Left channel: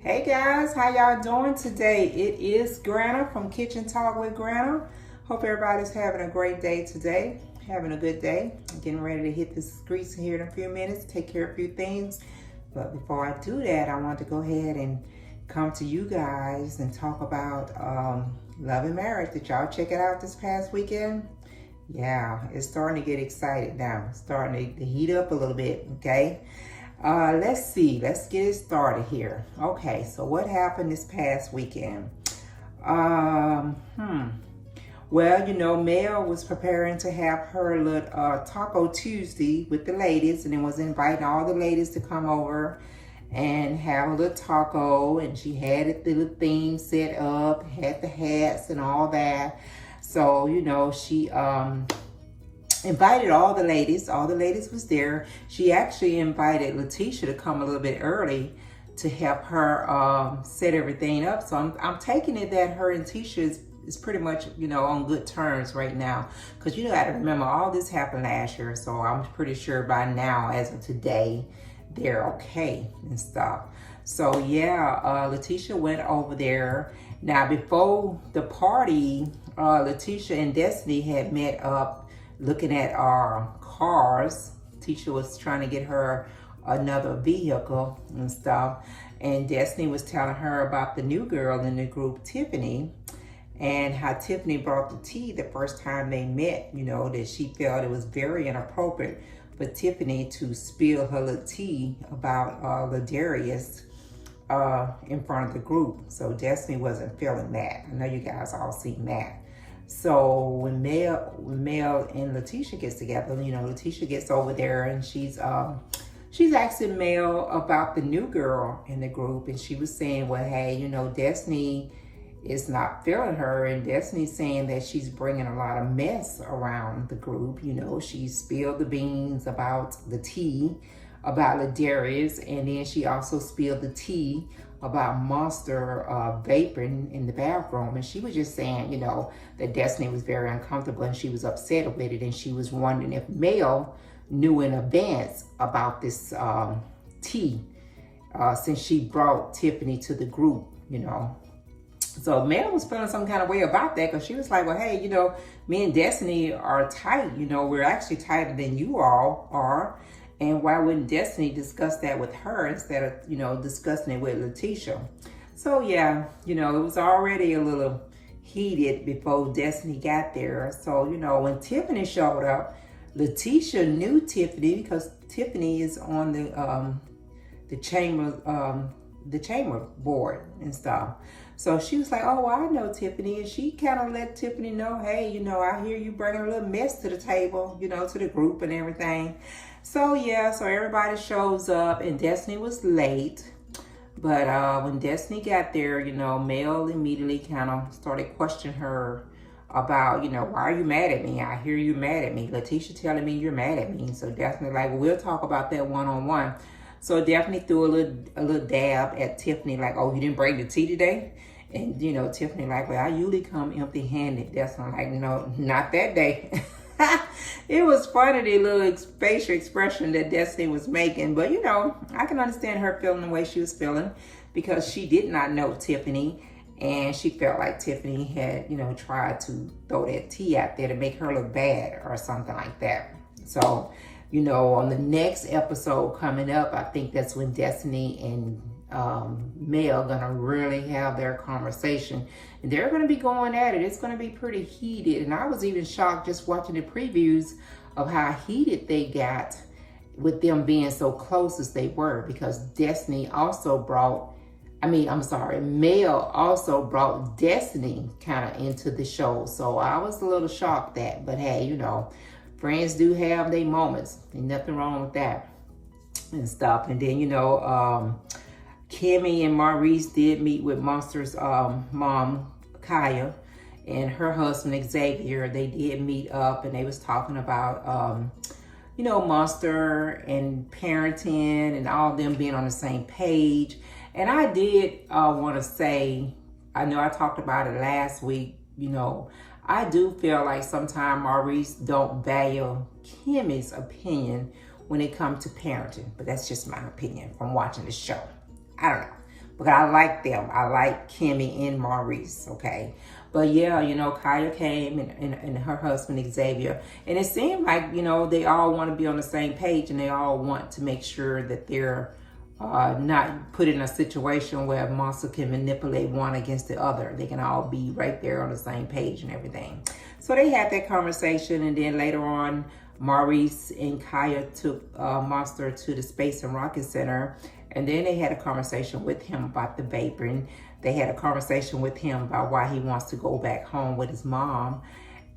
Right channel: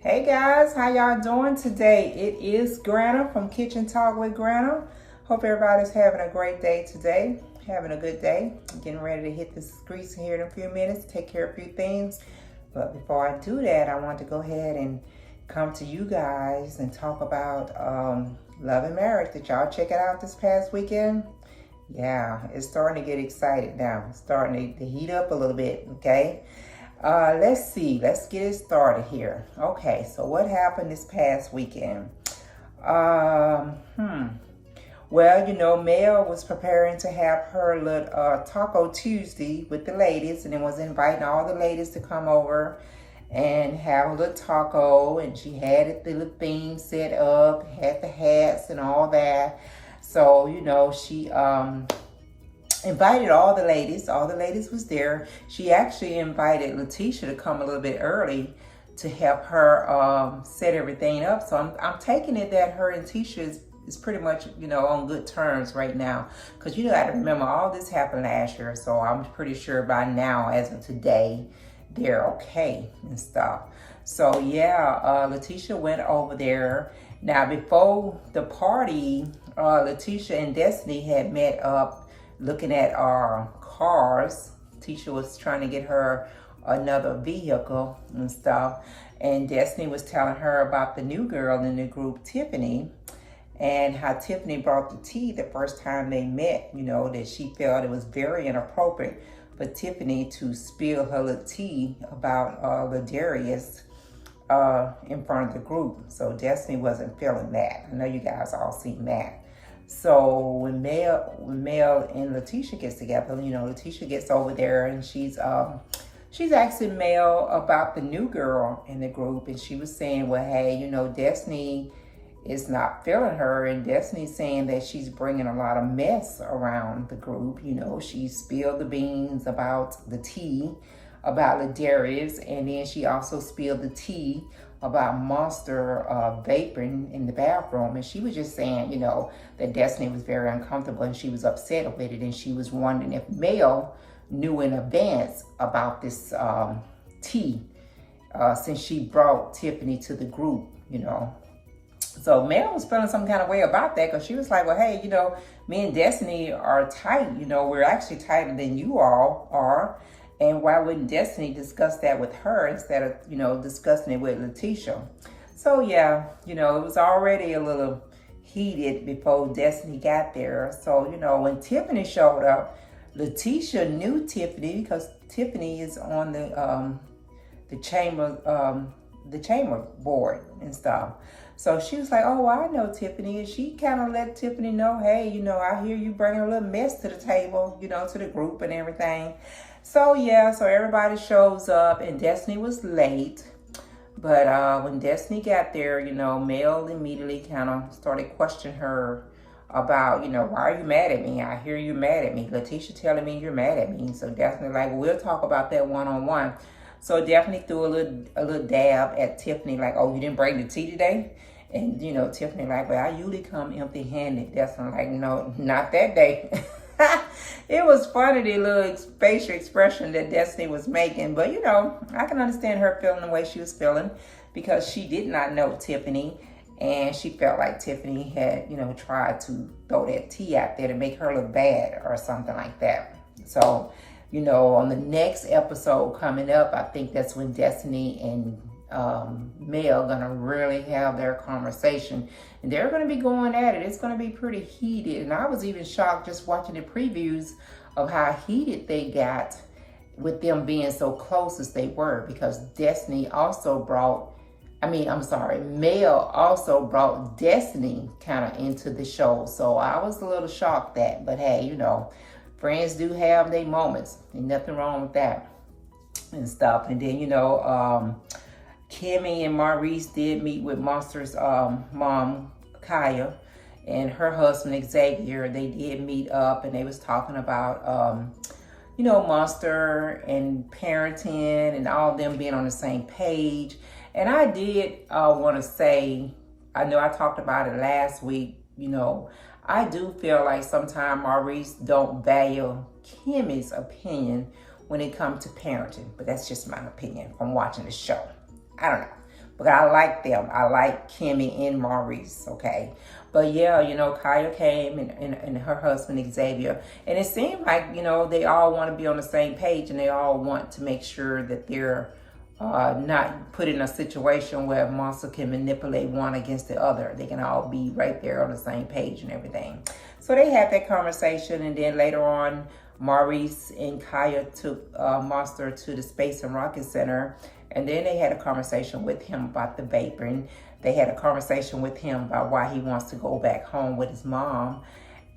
Hey guys, how y'all doing today? It is Granna from Kitchen Talk with Granna. Hope everybody's having a great day today. Having a good day. I'm getting ready to hit the streets here in a few minutes, take care of a few things. But before I do that, I want to go ahead and come to you guys and talk about Love and Marriage. Did y'all check it out this past weekend? Yeah, it's starting to get excited now. It's starting to heat up a little bit, okay? Let's see. Let's get it started here. Okay, so what happened this past weekend? Well, you know, Mel was preparing to have her little Taco Tuesday with the ladies, and then was inviting all the ladies to come over and have a little taco, and she had the little theme set up, had the hats and all that. So, you know, she invited all the ladies. All the ladies was there. She actually invited Letitia to come a little bit early to help her set everything up. So I'm taking it that her and Tisha is pretty much, you know, on good terms right now. Because you got to remember, all this happened last year. So I'm pretty sure by now, as of today, they're okay and stuff. So yeah, Letitia went over there. Now, before the party, Letitia and Destiny had met up looking at our cars. Tisha was trying to get her another vehicle and stuff. And Destiny was telling her about the new girl in the group, Tiffany, and how Tiffany brought the tea the first time they met, you know, that she felt it was very inappropriate for Tiffany to spill her little tea about Ladarius in front of the group. So Destiny wasn't feeling that. I know you guys all seen that. So when Mel and Letitia gets together, you know, Letitia gets over there and she's asking Mel about the new girl in the group, and she was saying, well, hey, you know, Destiny is not feeling her, and Destiny's saying that she's bringing a lot of mess around the group. You know, she spilled the beans about the tea about Ladarius, and then she also spilled the tea about Monster vaping in the bathroom. And she was just saying, you know, that Destiny was very uncomfortable and she was upset with it, and she was wondering if Mel knew in advance about this tea since she brought Tiffany to the group, you know. So Mel was feeling some kind of way about that, because she was like, well, hey, you know, me and Destiny are tight. You know, we're actually tighter than you all are. And why wouldn't Destiny discuss that with her instead of, you know, discussing it with Letitia? So yeah, you know, it was already a little heated before Destiny got there. So, you know, when Tiffany showed up, Letitia knew Tiffany because Tiffany is on the chamber board and stuff. So she was like, oh, I know Tiffany. And she kind of let Tiffany know, hey, you know, I hear you bringing a little mess to the table, you know, to the group and everything. So yeah, so everybody shows up, and Destiny was late. But when Destiny got there, you know, Mel immediately kind of started questioning her about, you know, why are you mad at me? I hear you mad at me. Letitia telling me you're mad at me. So Destiny like, well, we'll talk about that one-on-one. So Daphne threw a little dab at Tiffany, like, oh, you didn't bring the tea today? And, you know, Tiffany like, well, I usually come empty-handed. Destiny like, no, not that day. It was funny, the little facial expression that Destiny was making. But, you know, I can understand her feeling the way she was feeling, because she did not know Tiffany. And she felt like Tiffany had, you know, tried to throw that tea out there to make her look bad or something like that. So, you know, on the next episode coming up, I think that's when Destiny and Mel gonna really have their conversation, and they're gonna be going at it. It's gonna be pretty heated, and I was even shocked just watching the previews of how heated they got with them being so close as they were, because Destiny also brought, Mel also brought Destiny kind of into the show. So I was a little shocked that, but hey, you know, friends do have their moments. Ain't nothing wrong with that and stuff. And then, you know, Kimmy and Maurice did meet with Monster's mom, Kaya, and her husband, Xavier. They did meet up, and they was talking about, you know, Monster and parenting and all of them being on the same page. And I did want to say, I know I talked about it last week, you know, I do feel like sometimes Maurice don't value Kimmy's opinion when it comes to parenting, but that's just my opinion from watching the show. I don't know. But I like them. I like Kimmy and Maurice, okay? But yeah, you know, Kaya came and her husband Xavier. And it seemed like, you know, they all want to be on the same page and they all want to make sure that they're not put in a situation where a monster can manipulate one against the other. They can all be right there on the same page and everything. So they had that conversation, and then later on, Maurice and Kaya took Monster to the Space and Rocket Center, and then they had a conversation with him about the vaping. They had a conversation with him about why he wants to go back home with his mom.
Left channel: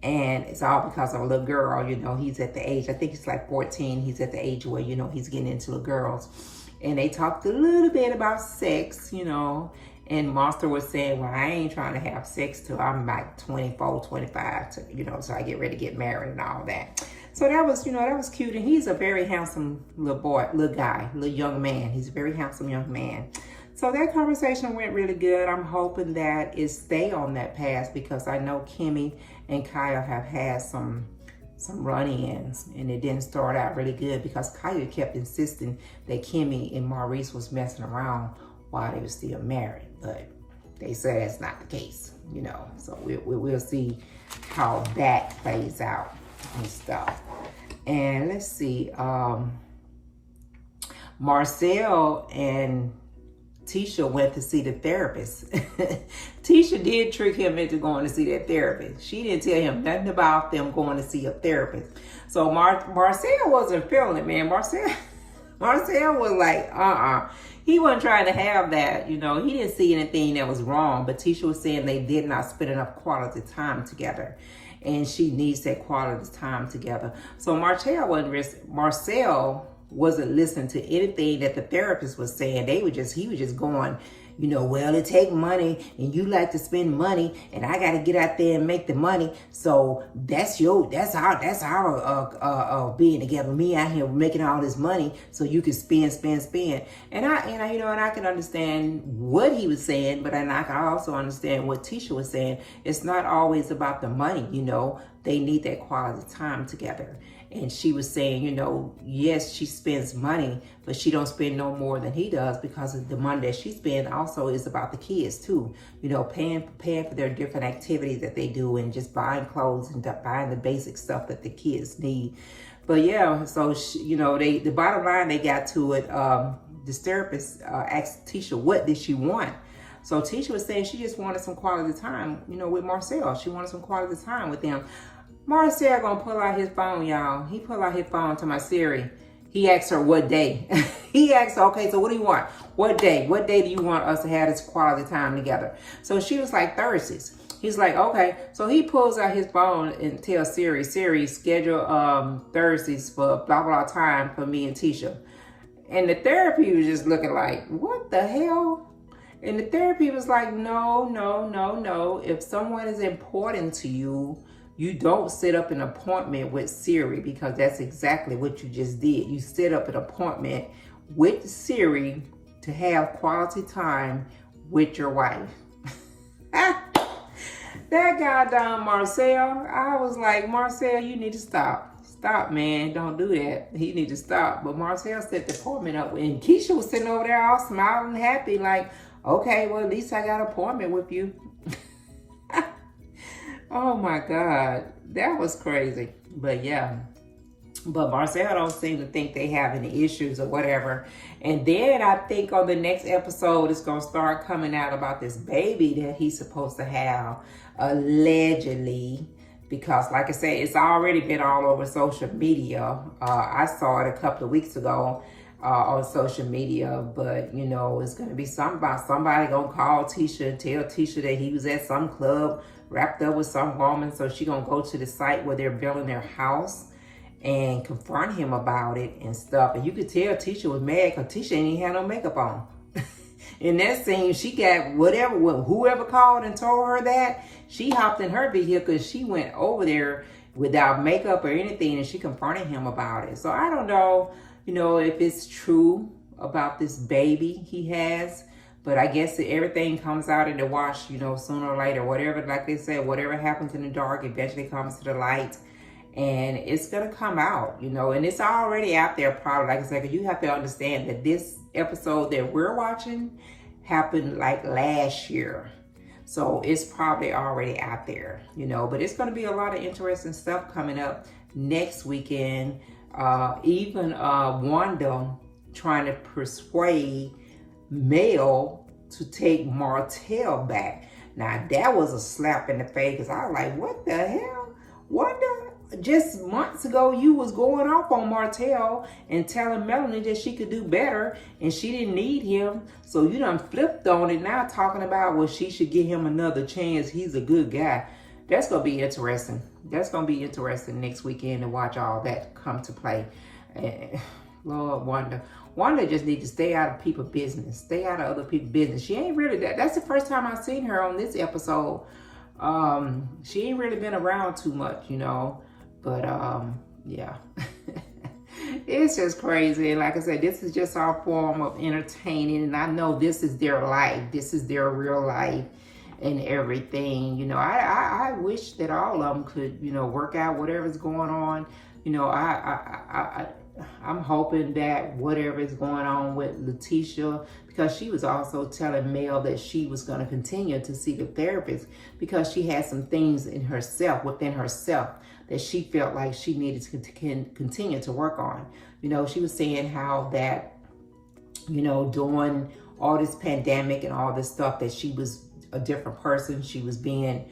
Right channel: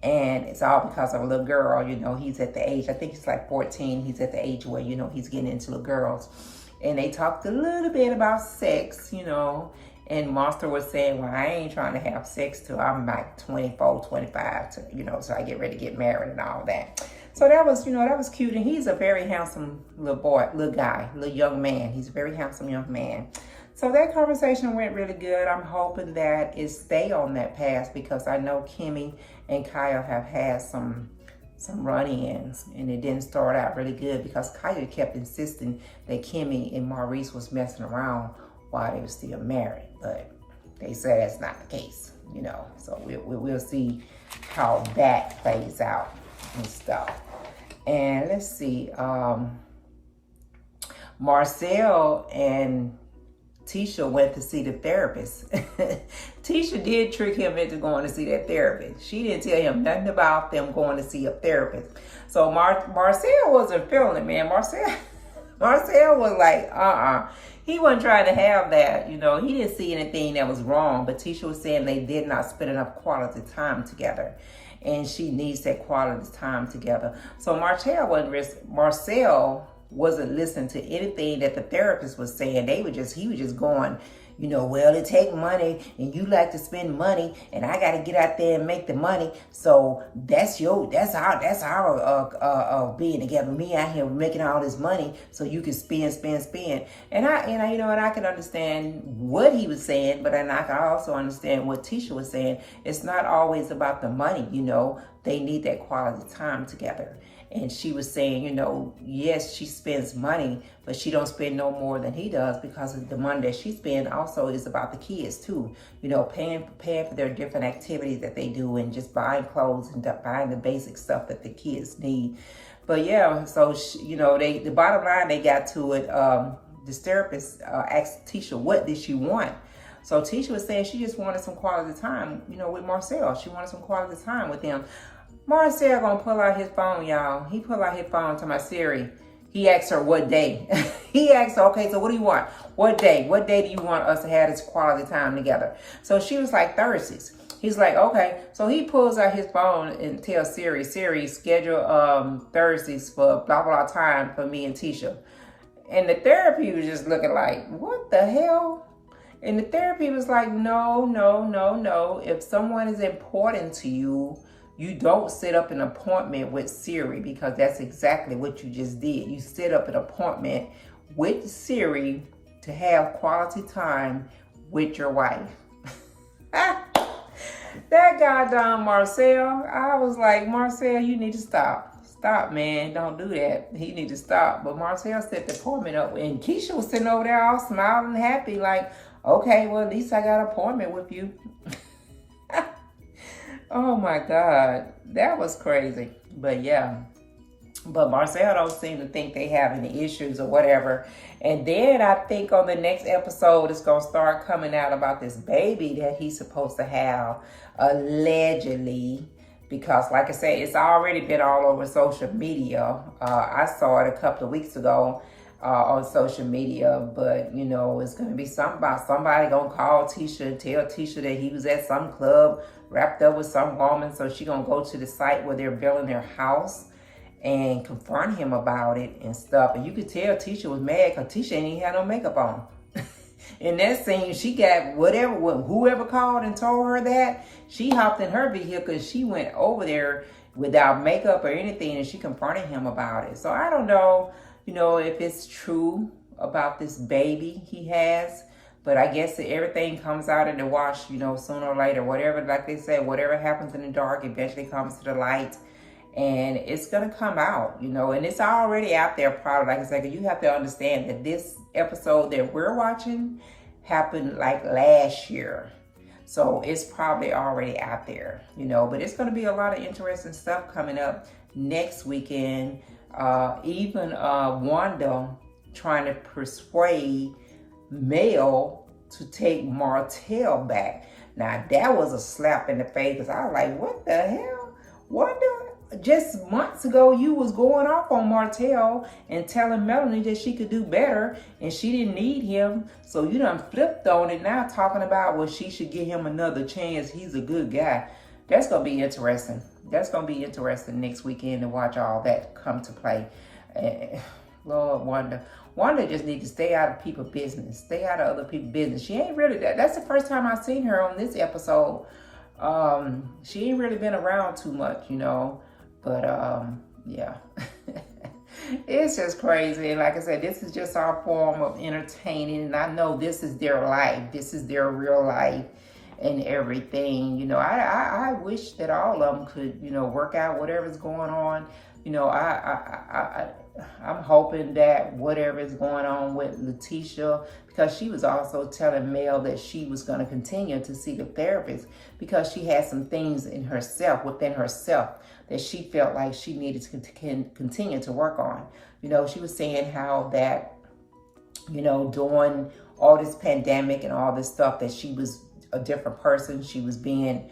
And it's all because of a little girl. You know, he's at the age, I think he's like 14. He's at the age where, you know, he's getting into little girls. And they talked a little bit about sex, you know. And Monster was saying, well, I ain't trying to have sex till I'm like 24, 25, you know, so I get ready to get married and all that. So that was, you know, that was cute. And he's a very handsome little boy, little guy, little young man. He's a very handsome young man. So that conversation went really good. I'm hoping that it stay on that path, because I know Kimmy and Kaya have had some run-ins, and it didn't start out really good because Kaya kept insisting that Kimmy and Maurice was messing around while they were still married. But they said that's not the case, you know. So we'll see how that plays out and stuff. And let's see, Marcel and Tisha went to see the therapist. Tisha did trick him into going to see that therapist. She didn't tell him nothing about them going to see a therapist. So Marcel wasn't feeling it, man. Marcel was like, He wasn't trying to have that, you know. He didn't see anything that was wrong, but Tisha was saying they did not spend enough quality time together. And she needs that quality time together. So Marcel wasn't listening to anything that the therapist was saying. He was just going, you know, well, it take money and you like to spend money and I got to get out there and make the money. So that's our being together. Me out here making all this money so you can spend. And I can understand what he was saying, but I can also understand what Tisha was saying. It's not always about the money, you know. They need that quality time together. And she was saying, you know, yes, she spends money, but she don't spend no more than he does, because the money that she spends also is about the kids too. You know, paying for their different activities that they do, and just buying clothes and buying the basic stuff that the kids need. But yeah, so you know, the bottom line they got to it. This therapist asked Tisha, what did she want? So Tisha was saying she just wanted some quality time, you know, with Marcel. She wanted some quality time with him. Marcel gonna pull out his phone, y'all. He pull out his phone to my Siri. He asked her what day. He asked her, okay, so what do you want? What day? What day do you want us to have this quality time together? So she was like, Thursdays. He's like, okay. So he pulls out his phone and tells Siri, schedule Thursdays for blah, blah time for me and Tisha. And the therapy was just looking like, what the hell? And the therapy was like, no. If someone is important to you, you don't set up an appointment with Siri, because that's exactly what you just did. You set up an appointment with Siri to have quality time with your wife. That goddamn Marcel, I was like, Marcel, you need to stop. Stop, man. Don't do that. He need to stop. But Marcel set the appointment up, and Keisha was sitting over there all smiling and happy, like, okay, well, at least I got an appointment with you. Oh my God, that was crazy. But yeah, but Marcel don't seem to think they have any issues or whatever. And then I think on the next episode, it's gonna start coming out about this baby that he's supposed to have, allegedly. Because like I said, it's already been all over social media. I saw it a couple of weeks ago on social media, but you know, it's gonna be somebody gonna call Tisha and tell Tisha that he was at some club wrapped up with some woman. So she gonna go to the site where they're building their house and confront him about it and stuff. And you could tell Tisha was mad because Tisha ain't even had no makeup on. In that scene, she got whoever called and told her that, she hopped in her vehicle and she went over there without makeup or anything, and she confronted him about it. So I don't know, you know, if it's true about this baby he has. But I guess that everything comes out in the wash, you know, sooner or later. Whatever, like they said, whatever happens in the dark eventually comes to the light. And it's going to come out, you know. And it's already out there, probably. Like I said, you have to understand that this episode that we're watching, happened like last year. So it's probably already out there, you know, but it's going to be a lot of interesting stuff coming up next weekend. Even Wanda trying to persuade Mel to take Martell back. Now that was a slap in the face, because I was like, what the hell? Wanda, just months ago you was going off on Martell and telling Melanie that she could do better and she didn't need him. So you done flipped on it now, talking about, well, she should give him another chance. He's a good guy. That's going to be interesting. That's going to be interesting next weekend to watch all that come to play. Lord, Wanda just needs to stay out of people's business. Stay out of other people's business. She ain't really that. That's the first time I seen her on this episode. She ain't really been around too much, you know. But yeah. It's just crazy. And like I said, this is just our form of entertaining. And I know this is their life. This is their real life and everything. You know, I wish that all of them could, you know, work out whatever's going on. You know, I'm hoping that whatever is going on with Letitia, because she was also telling Mel that she was going to continue to see the therapist because she had some things in herself, within herself, that she felt like she needed to continue to work on. You know, she was saying how that, you know, during all this pandemic and all this stuff, that she was a different person. She was being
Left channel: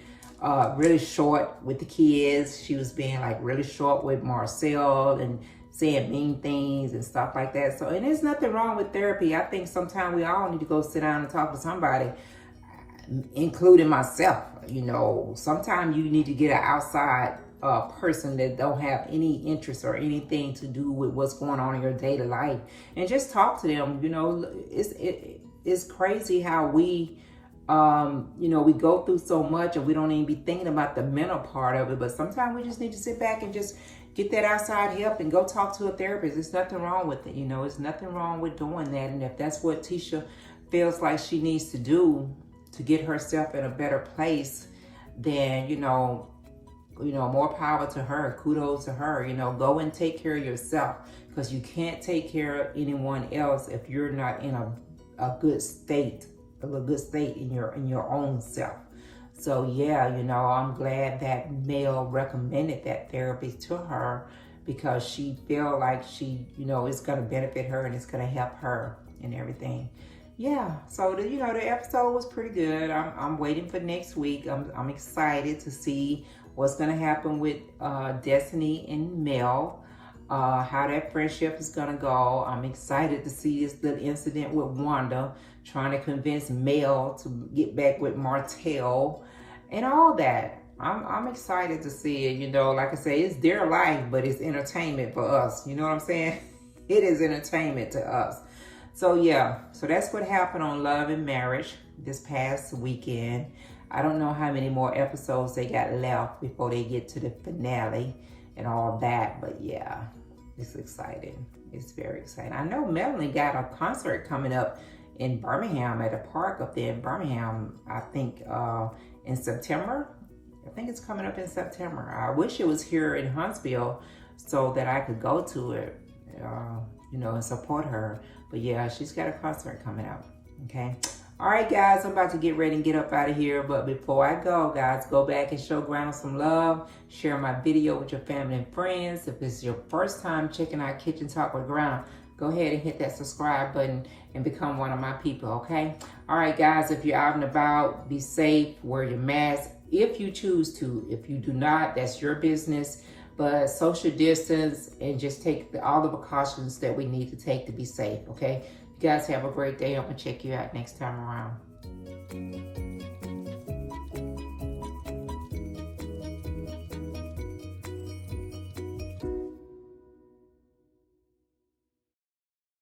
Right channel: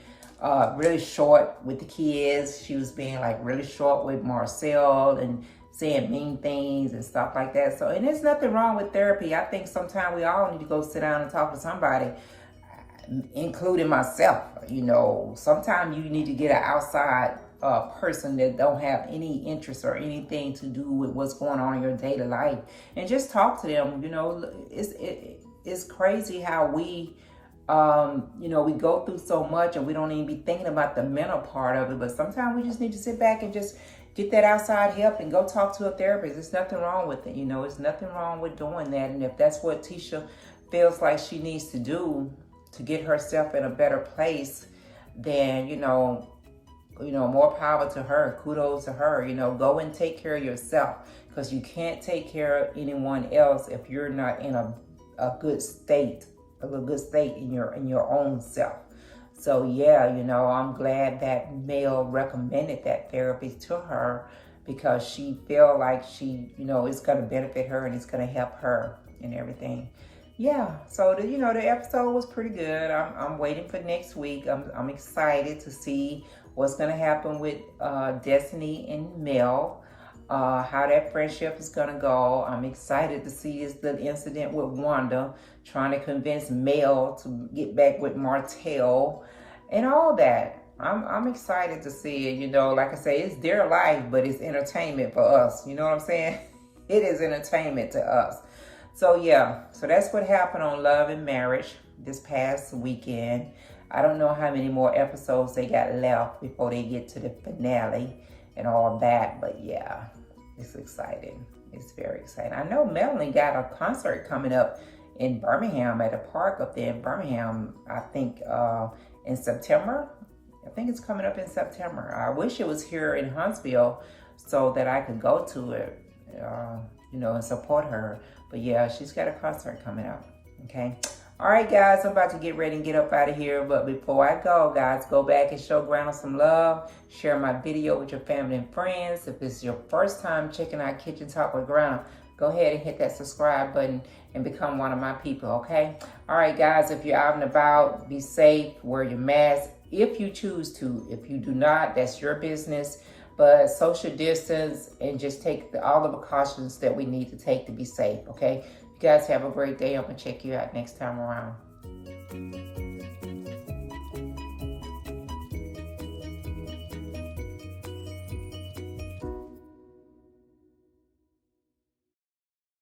really short with the kids. She was being like really short with Marcel and saying mean things and stuff like that. So, and there's nothing wrong with therapy. I think sometimes we all need to go sit down and talk to somebody, including myself. You know, sometimes you need to get an outside person that don't have any interest or anything to do with what's going on in your daily life, and just talk to them. You know, it's crazy how we, you know, we go through so much and we don't even be thinking about the mental part of it. But sometimes we just need to sit back and just get that outside help and go talk to a therapist. There's nothing wrong with it. You know, it's nothing wrong with doing that. And if that's what Tisha feels like she needs to do to get herself in a better place, then, you know, more power to her. Kudos to her. You know, go and take care of yourself, because you can't take care of anyone else if you're not in a good state, in your own self. So yeah, you know, I'm glad that Mel recommended that therapy to her, because she feel like she, you know, it's going to benefit her and it's going to help her and everything. Yeah, so the episode was pretty good. I'm waiting for next week. I'm excited to see what's going to happen with Destiny and Mel, how that friendship is going to go. I'm excited to see this little incident with Wanda trying to convince Mel to get back with Martell and all that. I'm excited to see it. You know, like I say, it's their life, but it's entertainment for us. You know what I'm saying? It is entertainment to us. So yeah, so that's what happened on Love and Marriage this past weekend. I don't know how many more episodes they got left before they get to the finale and all that, but yeah, it's exciting. It's very exciting. I know Melanie got a concert coming up in Birmingham, at a park up there in Birmingham, I think in September. I think it's coming up in September. I wish it was here in Huntsville so that I could go to it, you know, and support her. But yeah, she's got a concert coming up, okay? All right, guys, I'm about to get ready and get up out of here. But before I go, guys, go back and show Granna some love. Share my video with your family and friends. If this is your first time checking out Kitchen Talk with Granna, go ahead and hit that subscribe button and become one of my people, okay? All right, guys, if you're out and about, be safe, wear your mask if you choose to. If you do not, that's your business. But social distance and just take all the precautions that we need to take to be safe, okay? You guys have a great day. I'm going to check you out next time around.